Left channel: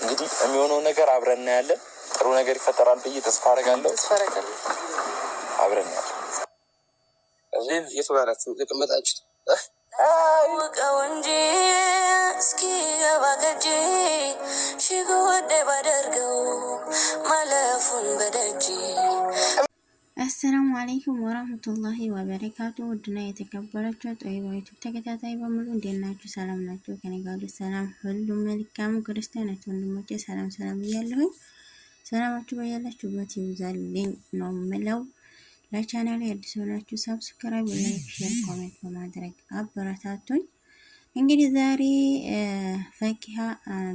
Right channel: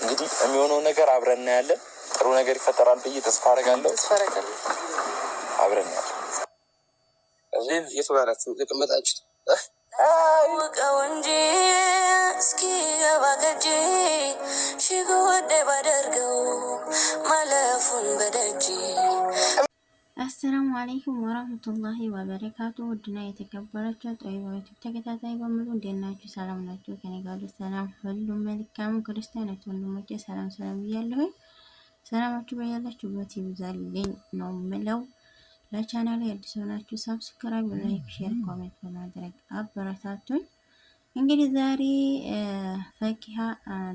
እንግዲህ የሚሆነው ነገር አብረን እናያለን። ጥሩ ነገር ይፈጠራል ብዬ ተስፋ አደርጋለሁ። አብረን እናያለን። እዚህ የትባላችሁ ተቀመጣችሁ አውቀው እንጂ እስኪ ገባገጂ ሽጎደ ባደርገው ማለፉን በደጂ። አሰላሙ አለይኩም ወራህመቱላሂ ወበረካቱ። ውድና የተከበራችሁ ጦይባይቱ ተከታታይ በሙሉ እንዴት ናችሁ? ሰላም ናችሁ? ከኔ ጋር ሰላም ሁሉ መልካም። ክርስቲያኖች ወንድሞቼ ሰላም እያለሁ ሰላማችሁ በያላችሁበት ይብዛልኝ ነው የምለው። ለቻናሌ አዲስ ሆናችሁ ሰብስክራይብ፣ ላይክ፣ ሼር፣ ኮሜንት በማድረግ አበረታቱኝ። እንግዲህ ዛሬ ፈኪሃ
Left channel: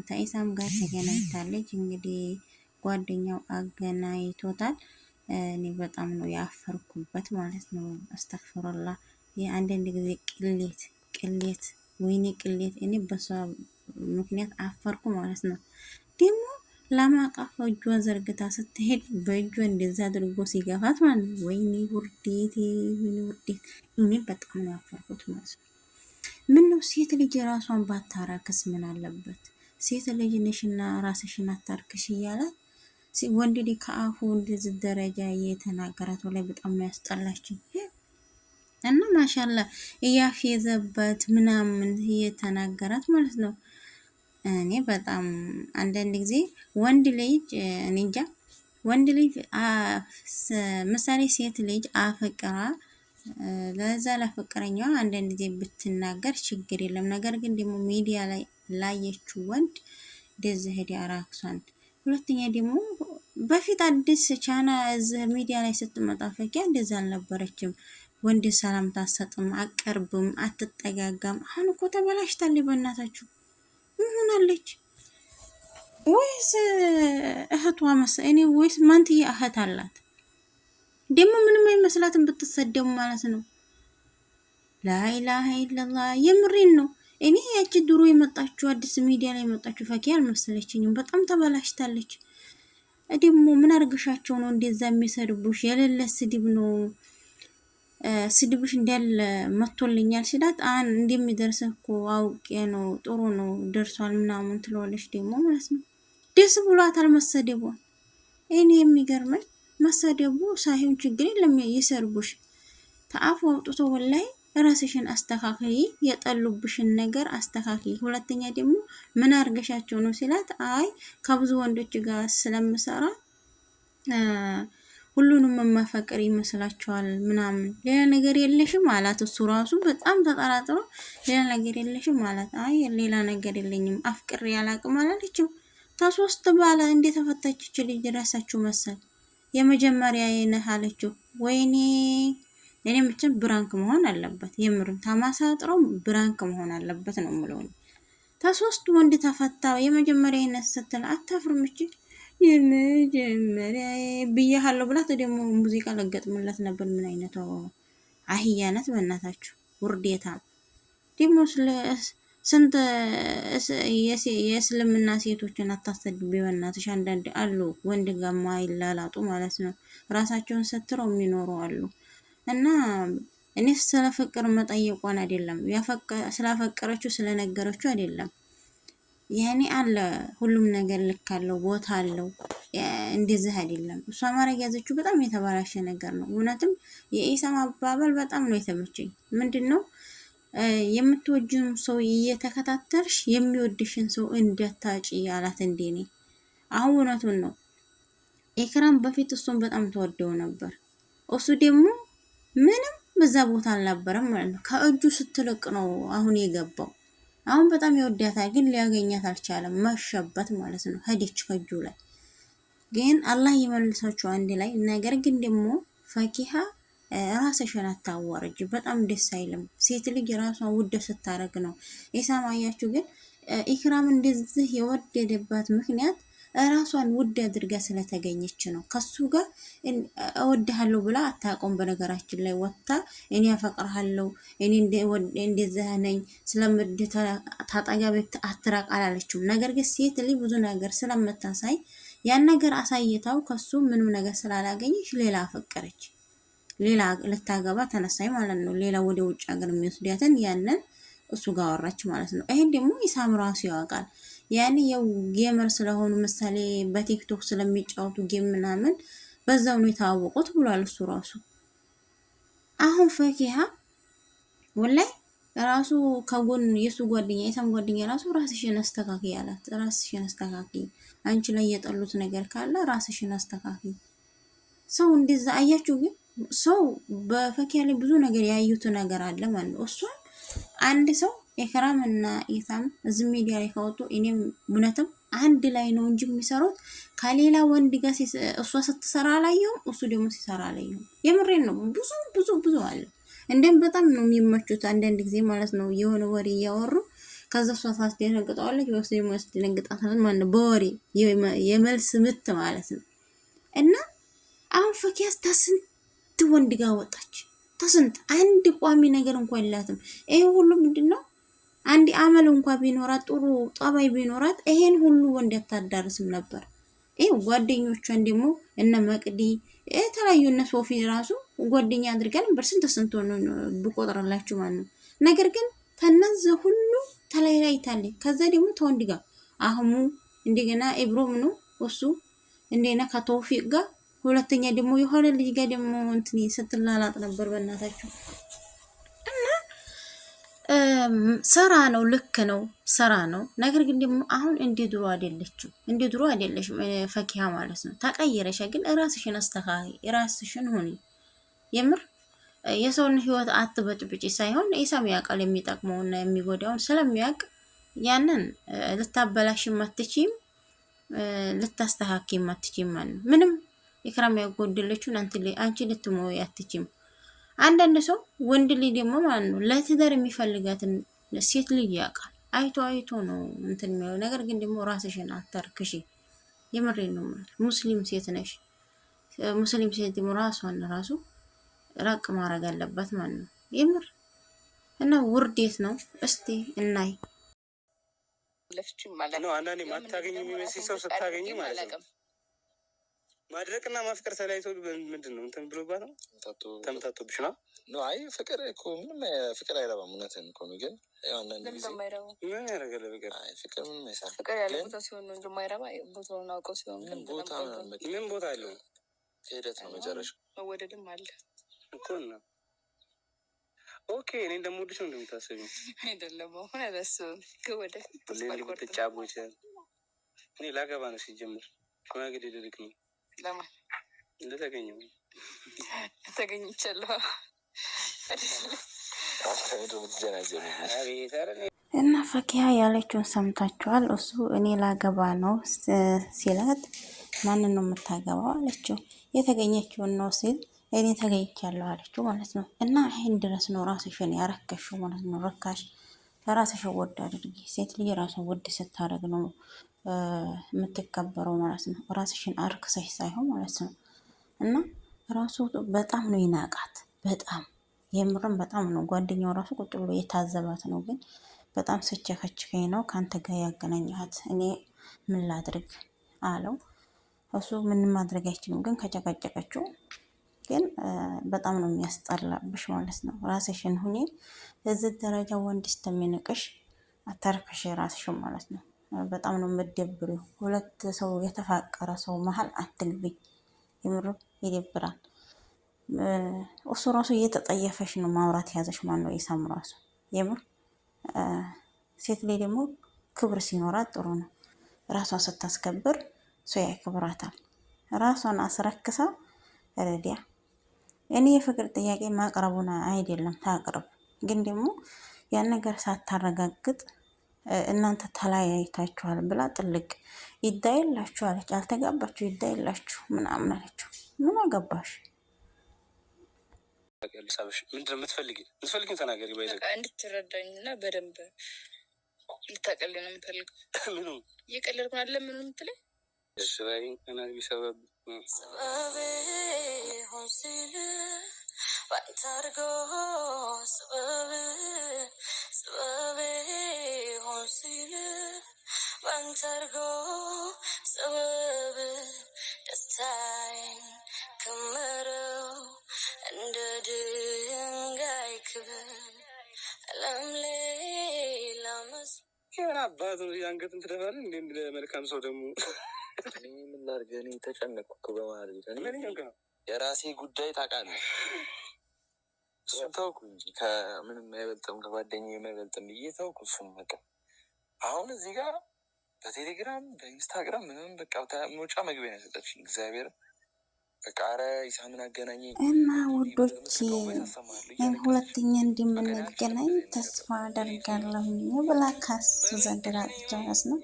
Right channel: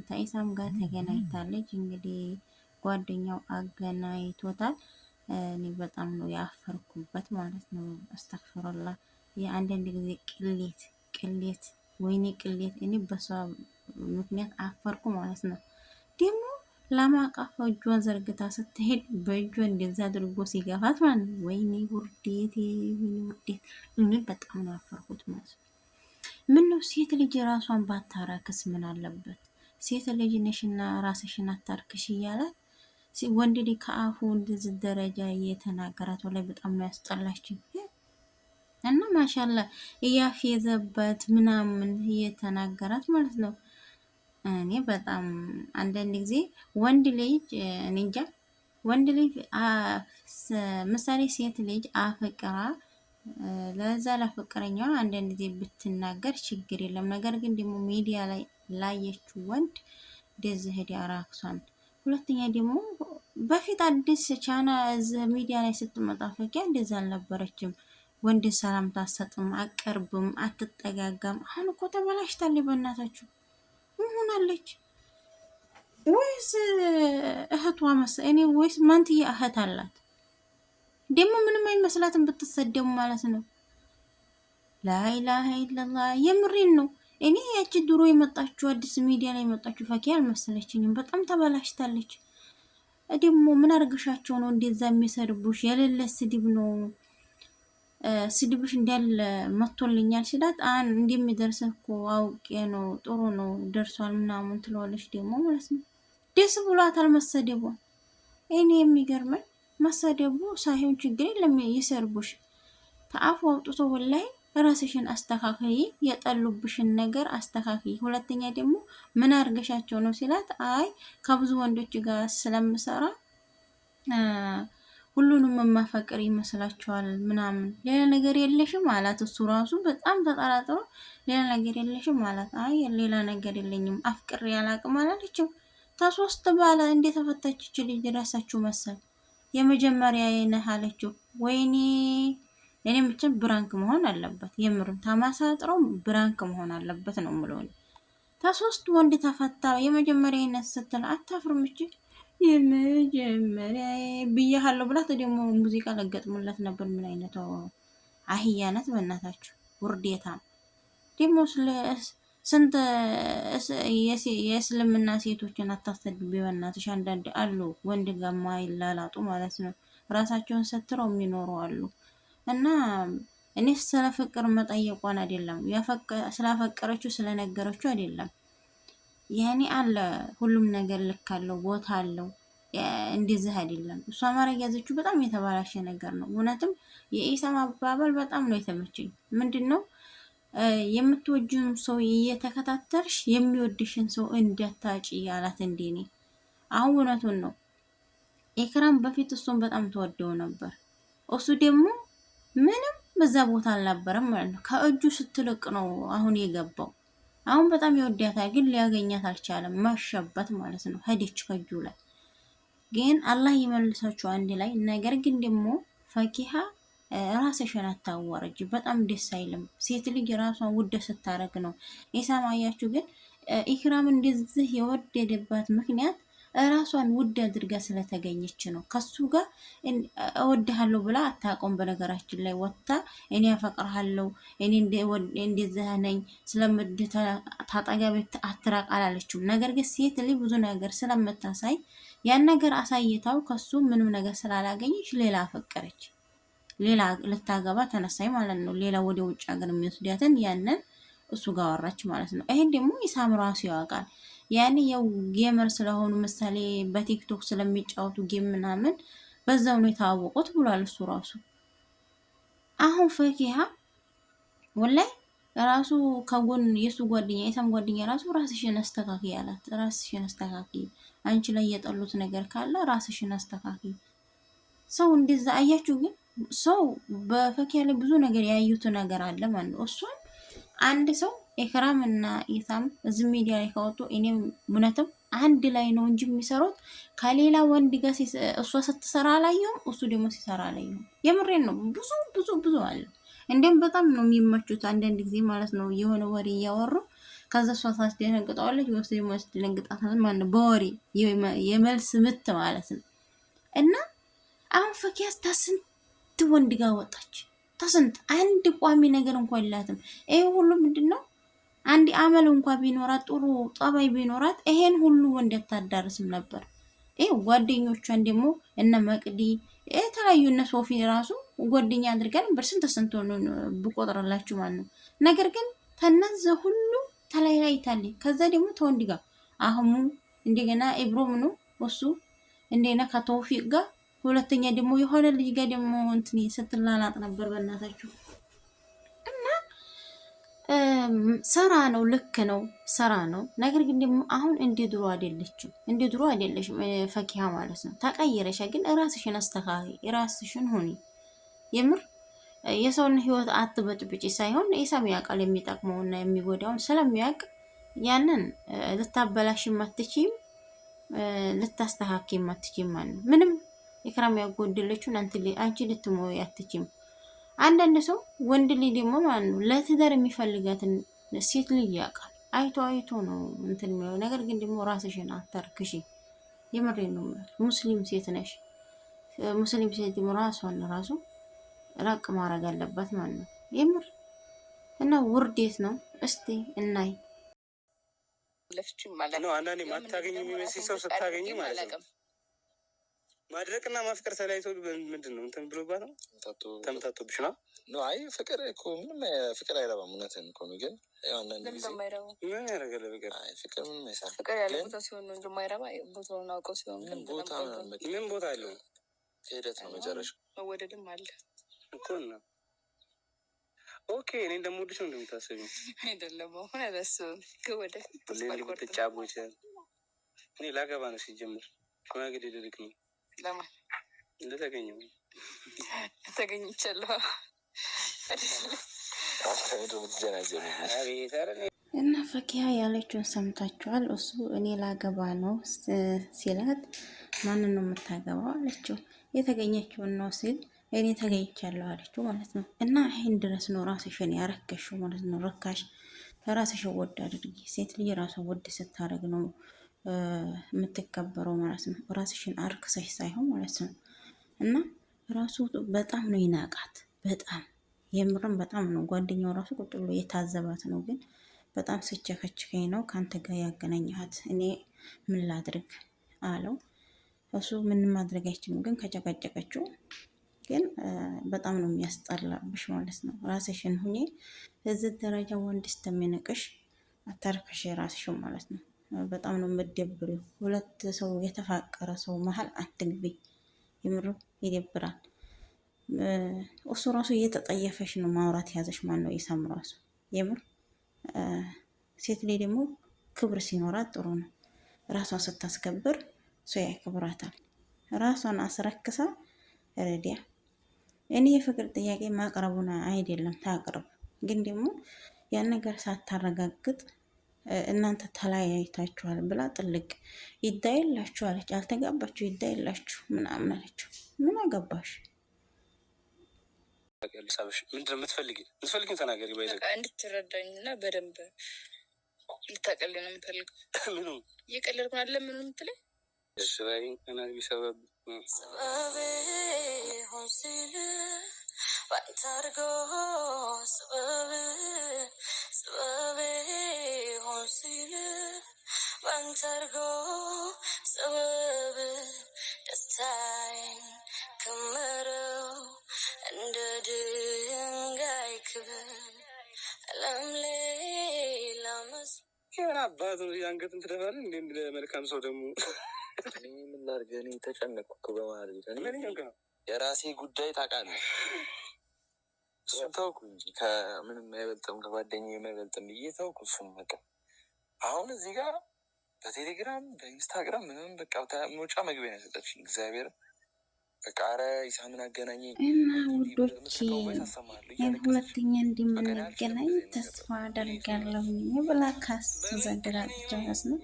ከኢሳም ጋር ተገናኝታለች። እንግዲህ ጓደኛው አገናኝቶታል። እኔ በጣም ነው ያፈርኩበት ማለት ነው። አስተግፍሩላ የአንዳንድ ጊዜ ቅሌት ወይኔ ቅሌት። እኔ በሷ ምክንያት አፈርኩ ማለት ነው። ደግሞ ለማቃፍ እጇን ዘርግታ ስትሄድ በእጇ እንደዛ አድርጎ ሲገፋት ማለት ነው። ወይኔ ውርዴት፣ ወይኔ ውርዴት። እኔ በጣም ነው ያፈርኩት ማለት ነው። ምን ነው ሴት ልጅ ራሷን ባታረክስ ምን አለበት? ሴት ልጅ ነሽና ራስሽን አታርክሽ እያላት ወንድ ልጅ ከአፉ እንደዚህ ደረጃ እየተናገራት ላይ በጣም ነው ያስጠላችኝ። እና ማሻአላ እያፌዘበት ምናምን እየተናገራት ማለት ነው። እኔ በጣም አንዳንድ ጊዜ ወንድ ልጅ እንጃ ወንድ ልጅ ምሳሌ ሴት ልጅ አፈቅራ ለዛ ለፍቅረኛዋ አንዳንድ ጊዜ ብትናገር ችግር የለም። ነገር ግን ደግሞ ሚዲያ ላይ ላየችው ወንድ እንደዚህ ሄዲ አራክሷን። ሁለተኛ ደግሞ በፊት አዲስ ቻና እዚህ ሚዲያ ላይ ስትመጣ ፈኪያ እንደዛ አልነበረችም። ወንድ ሰላምታ አትሰጥም፣ አቀርብም፣ አትጠጋጋም። አሁን እኮ ተበላሽታለች። በእናታችሁ ምን ሆናለች? ወይስ እህቷ እኔ ወይስ ማንትዬ እህት አላት? ደግሞ ምንም አይመስላትም ብትሰደሙ ማለት ነው። ላኢላሀ ኢለላህ የምሬን ነው። እኔ ያቺ ድሮ የመጣችሁ አዲስ ሚዲያ ላይ የመጣችሁ ፈኪያ አልመሰለችኝም። በጣም ተበላሽታለች። ደግሞ ምን አርገሻቸው ነው እንደዛ የሚሰድቡሽ? የሌለ ስድብ ነው። ስድብሽ እንዳለ መጥቶልኛል ሲላት እንደሚደርስ እኮ አውቄ ነው፣ ጥሩ ነው ደርሷል ምናምን ትለዋለች ደግሞ ማለት ነው። ደስ ብሏታል መሰደቧን። እኔ የሚገርመኝ መሰደቡ ሳይሆን ችግር የለም ይሰርቡሽ፣ ተአፉ አውጥቶ ወላይ ራስሽን አስተካክይ፣ የጠሉብሽን ነገር አስተካክይ። ሁለተኛ ደግሞ ምን አርገሻቸው ነው ሲላት አይ ከብዙ ወንዶች ጋር ስለምሰራ ሁሉንም ማፈቀር ይመስላችኋል ምናምን፣ ሌላ ነገር የለሽም አላት። እሱ ራሱ በጣም ተጠራጥሮ ሌላ ነገር የለሽም አላት። አይ ሌላ ነገር የለኝም አፍቅሬ ያላቅም አላለችው። ተሶስት ባለ እንደተፈታች ልጅ ራሳችሁ መሰል የመጀመሪያ የነህ አለችው። ወይኔ እኔ ብቻ ብራንክ መሆን አለበት፣ የምርም ተማሳጥረው ብራንክ መሆን አለበት ነው የምለው። ተሶስት ወንድ ተፈታ የመጀመሪያ የነህ ስትል አታፍርም? እቺ የመጀመሪያ ብያለሁ ብላት ደግሞ ሙዚቃ ለገጥሙላት ነበር። ምን አይነቱ አህያነት በእናታችሁ ውርዴታ። ደግሞ ስንት የእስልምና ሴቶችን አታሰድቢ በእናትሽ። አንዳንድ አሉ ወንድ ጋር ማይላላጡ ማለት ነው፣ ራሳቸውን ሰትረው የሚኖሩ አሉ። እና እኔ ስለ ፍቅር መጠየቋን አይደለም ስላፈቀረችው ስለነገረችው አይደለም። ያኔ አለ ሁሉም ነገር ልክ አለው፣ ቦታ አለው። እንደዚህ አይደለም። እሷ ማረግ ያዘችው በጣም የተባላሸ ነገር ነው። እውነትም የኢሳም አባባል በጣም ነው የተመቸኝ። ምንድነው የምትወጂውን ሰው እየተከታተልሽ የሚወድሽን ሰው እንዳታጪ አላት። እንደኔ አሁን እውነቱን ነው። ኢክራም በፊት እሱን በጣም ተወደው ነበር። እሱ ደግሞ ምንም በዛ ቦታ አልነበረም ማለት ነው። ከእጁ ስትልቅ ነው አሁን የገባው። አሁን በጣም ይወዳታል፣ ግን ሊያገኛት አልቻለም። መሸበት ማለት ነው። ሄደች ከእጁ ላይ። ግን አላህ ይመልሳችሁ አንድ ላይ። ነገር ግን ደግሞ ፈኪሃ ራስሽን አታዋርጅ። በጣም ደስ አይልም። ሴት ልጅ ራሷን ውድ ስታረግ ነው። ኢሳም አያችሁ። ግን ኢክራም እንደዚህ የወደደባት ምክንያት ራሷን ውድ አድርጋ ስለተገኘች ነው። ከሱ ጋር እወድሃለሁ ብላ አታውቀውም። በነገራችን ላይ ወጥታ እኔ ያፈቅርሃለሁ፣ እኔ እንደዚህ ነኝ፣ ስለምድተ ታጣጋቤ አትራቅ አላለችም። ነገር ግን ሴት ልጅ ብዙ ነገር ስለምታሳይ ያን ነገር አሳይታው ከሱ ምንም ነገር ስላላገኘች ሌላ አፈቀረች፣ ሌላ ልታገባ ተነሳይ ማለት ነው። ሌላ ወደ ውጭ ሀገር የሚወስዳትን ያንን እሱ ጋር ወራች ማለት ነው። ይሄን ደግሞ ኢሳም ራሱ ያውቃል። ያኔ ያው ጌመር ስለሆኑ ምሳሌ በቲክቶክ ስለሚጫወቱ ጌም ምናምን በዛው ነው የታወቁት ብሏል እሱ ራሱ። አሁን ፈኪሃ ወላሂ ራሱ ከጎን የሱ ጓደኛ የሳም ጓደኛ ራሱ ራስሽን አስተካኪ ያላት፣ ራስሽን አስተካኪ፣ አንቺ ላይ የጠሉት ነገር ካለ ራስሽን አስተካኪ። ሰው እንደዛ አያችሁ። ግን ሰው በፈኪያ ላይ ብዙ ነገር ያዩት ነገር አለ ማለት ነው። እሷን አንድ ሰው ኢክራም እና ኢሳም እዚህ ሚዲያ ላይ ካወጡ እኔም እውነትም አንድ ላይ ነው እንጂ የሚሰሩት ከሌላ ወንድ ጋር እሷ ስትሰራ አላየሁም፣ እሱ ደግሞ ሲሰራ አላየሁም። የምሬን ነው። ብዙ ብዙ ብዙ አለ። እንደም በጣም ነው የሚመቹት አንዳንድ ጊዜ ማለት ነው። የሆነ ወሬ እያወሩ ከዛ እሷ ታስደነግጠዋለች ወይስ ደግሞ ያስደነግጣታል ማለት ነው። በወሬ የመልስ ምት ማለት ነው። እና አሁን ፈኪያስ ተስንት ወንድ ጋር ወጣች። ተስንት አንድ ቋሚ ነገር እንኳን የላትም። ይሄ ሁሉ ምንድነው? አንድ አመል እንኳን ቢኖራት ጥሩ ጠባይ ቢኖራት ይሄን ሁሉ ወንድ አታዳርስም ነበር። ይሄ ጓደኞቿን ደግሞ እነ መቅዲ የተለያዩ እነ ሶፊ ራሱ ጓደኛ አድርገን በስንት ስንት ነው ብቆጥረላችሁ ማለት ነው። ነገር ግን ተነዘ ሁሉ ተለያይታለች። ከዛ ደግሞ ተወንድ ጋር አህሙ እንደገና ኢብሮም ነው እሱ እንደገና ከተውፊቅ ጋር ሁለተኛ ደግሞ የሆነ ልጅ ጋር ደግሞ እንትን ስትላላጥ ነበር። በእናታችሁ እና ስራ ነው፣ ልክ ነው፣ ስራ ነው። ነገር ግን ደግሞ አሁን እንደ ድሮ አይደለችም፣ እንደ ድሮ አይደለሽም ፈኪሃ ማለት ነው። ተቀየረሻ። ግን ራስሽን አስተካክይ፣ ራስሽን ሁኒ። የምር የሰውን ህይወት አትበጥብጪ ሳይሆን ኢሳም ያውቃል የሚጠቅመውና የሚጎዳውን ስለሚያውቅ ያንን ልታበላሽም አትችይም፣ ልታስተካክይም አትችይም ማለት ነው። ምንም ኢክራም ያጎደለችውን አንቺ ልትሞይ አትችይም። አንዳንድ ሰው ወንድ ልጅ ደግሞ ማለት ነው ለትዳር የሚፈልጋትን ሴት ልጅ ያውቃል። አይቶ አይቶ ነው እንትን የሚለው ነገር። ግን ደግሞ ራስሽን አታርክሺ። የምሬን ነው ማለት ሙስሊም ሴት ነሽ። ሙስሊም ሴት ደግሞ ራሷን ራሱ ራቅ ማድረግ አለባት ማለት ነው። የምር እና ውርዴት ነው። እስቲ እናይ ለፍቺ ማለት ነው። አንዳንዴ ማታገኝ የሚመስል ሰው ስታገኝ ማለት ነው ማድረቅና ማፍቀር ተለያይቶ ምንድን ነው እንትን ብሎባት ነው ተምታቶብሽ ነው። አይ ፍቅር እኮ ምንም ፍቅር አይረባም። እውነትን እኮ ነው። ግን አንዳንድ ጊዜ ምን ያደርጋል ፍቅር? አይ ፍቅር ምንም አይሰራም። ፍቅር ያለ ቦታ ሲሆን ነው እንጂ የማይረባ ቦታውን አውቀው ሲሆን ግን ቦታ ምን ቦታ አለው? ሂደት ነው መጨረሻው። መወደድም አለ እኮ ነው። ኦኬ እኔ እንደምወድሽ ነው እንደምታስቢው አይደለም። አሁን አላስብም። ከወደ ልትጫቦች እኔ ላገባ ነው ሲጀምር ሽማግሌ ልልክ ነው። ለማን እንደተገኘው ተገኝቻለሁ እና ፈኪሃ ያለችውን ሰምታችኋል። እሱ እኔ ላገባ ነው ሲላት ማንን ነው የምታገባው አለችው። የተገኘችውን ነው ሲል እኔ ተገኝቻለሁ አለችው ማለት ነው። እና ይህን ድረስ ነው ራስሽን ያረከሽው ማለት ነው። ረካሽ ራስሽን ወድ አድርጊ። ሴት ልጅ ራሷን ወድ ስታደርግ ነው የምትከበረው ማለት ነው። ራስሽን አርክሰሽ ሳይሆን ማለት ነው። እና ራሱ በጣም ነው ይናቃት። በጣም የምርም በጣም ነው። ጓደኛው ራሱ ቁጭ ብሎ የታዘባት ነው። ግን በጣም ስቸከችከኝ ነው ከአንተ ጋር ያገናኘሃት፣ እኔ ምን ላድርግ አለው። እሱ ምንም ማድረግ አይችልም። ግን ከጨቀጨቀችው ግን በጣም ነው የሚያስጠላብሽ ማለት ነው። ራስሽን ሁኔ እዚህ ደረጃ ወንድ ስተሚንቅሽ አታርክሽ ራስሽን ማለት ነው። በጣም ነው የምትደብሪው። ሁለት ሰው የተፋቀረ ሰው መሀል አትግቢ። የምር ይደብራል። እሱ ራሱ እየተጠየፈሽ ነው ማውራት ያዘሽ ማን ነው ኢሳም ራሱ። የምር ሴት ላይ ደግሞ ክብር ሲኖራት ጥሩ ነው። ራሷን ስታስከብር ሰው ያክብራታል። ራሷን አስረክሳ ረዲያ እኔ የፍቅር ጥያቄ ማቅረቡን አይደለም ታቅርብ። ግን ደግሞ ያን ነገር ሳታረጋግጥ እናንተ ተለያይታችኋል ብላ ጥልቅ ይዳይላችሁ አለች። አልተጋባችሁ ይዳይላችሁ ምናምን አለችው። ምን አገባሽ? ምንድነው የምትፈልጊው ተናገሪ። እንድትረዳኝና በደንብ ልታቀልኝ ነው የምፈልገው። ምኑ እየቀለድኩ አለ ምኑ የምትለኝ ስራዬ ተናግሪ። ሰበብ ሆን ሲል ባንታርጎ ሰበብ ሆን ሲል ባንታርጎ ሰበብ ደስታዬን ክምረው እንደ ድንጋይ ክብር አለም ሌላ ምን አባቱ ያንገትን ትደፋለህ እንደ መልካም ሰው ደግሞ እኔ ምን ላድርግ? እኔ ተጨነቅኩ በመሀል የራሴ ጉዳይ ታውቃለህ። እሱን ተውኩ እንጂ ከምንም አይበልጥም ከጓደኛዬ የማይበልጥም ብዬ ተውኩ። እሱን በቃ አሁን እዚህ ጋር በቴሌግራም በኢንስታግራም ምንም በቃ መውጫ መግቢያ ነው የሰጠችኝ እግዚአብሔር በቃ ኧረ ኢሳምን አገናኘ እና ውዶቼ ሁለተኛ እንደምንገናኝ ተስፋ አደርጋለሁ ብላ ካስ ዘንድራ ጨረስ ነው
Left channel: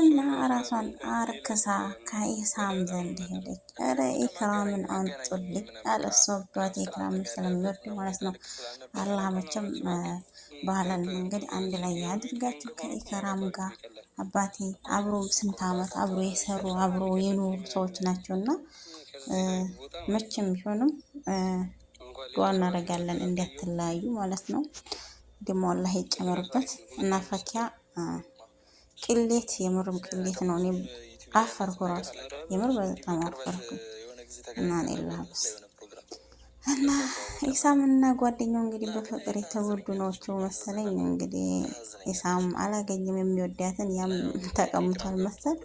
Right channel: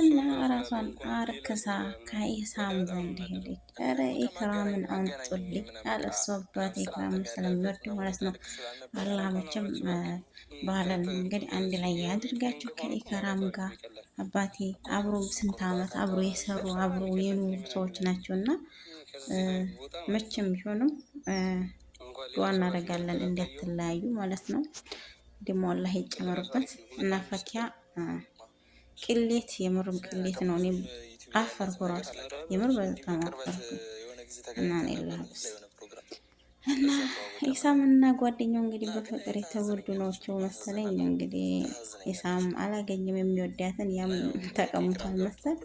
እና ራሷን አርክሳ ከኢሳም ዘንድ ሄደች። ኧረ ኢክራምን አንጡልኝ አለሷ አባት ኢክራምን ስለሚወድ ማለት ነው። አላህ መቼም ባለን መንገድ አንድ ላይ ያድርጋችሁ ከኢክራም ጋር። አባቴ አብሮ ስንት ዓመት አብሮ የሰሩ አብሮ የኖሩ ሰዎች ናቸውና መቼም ቢሆንም ዱዓ እናደርጋለን እንዳትለያዩ ማለት ነው። ደግሞ አላህ ይጨመርበት እና ፈኪያ ቅሌት የምርም ቅሌት ነው። እኔም አፈርኩ ራሱ የምር በጣም አፈርኩ እና እና ኢሳም እና ጓደኛው እንግዲህ በፍቅር የተጎዱ ናቸው መሰለኝ። እንግዲህ ኢሳም አላገኝም የሚወዳትን ያም ተቀምጧል መሰል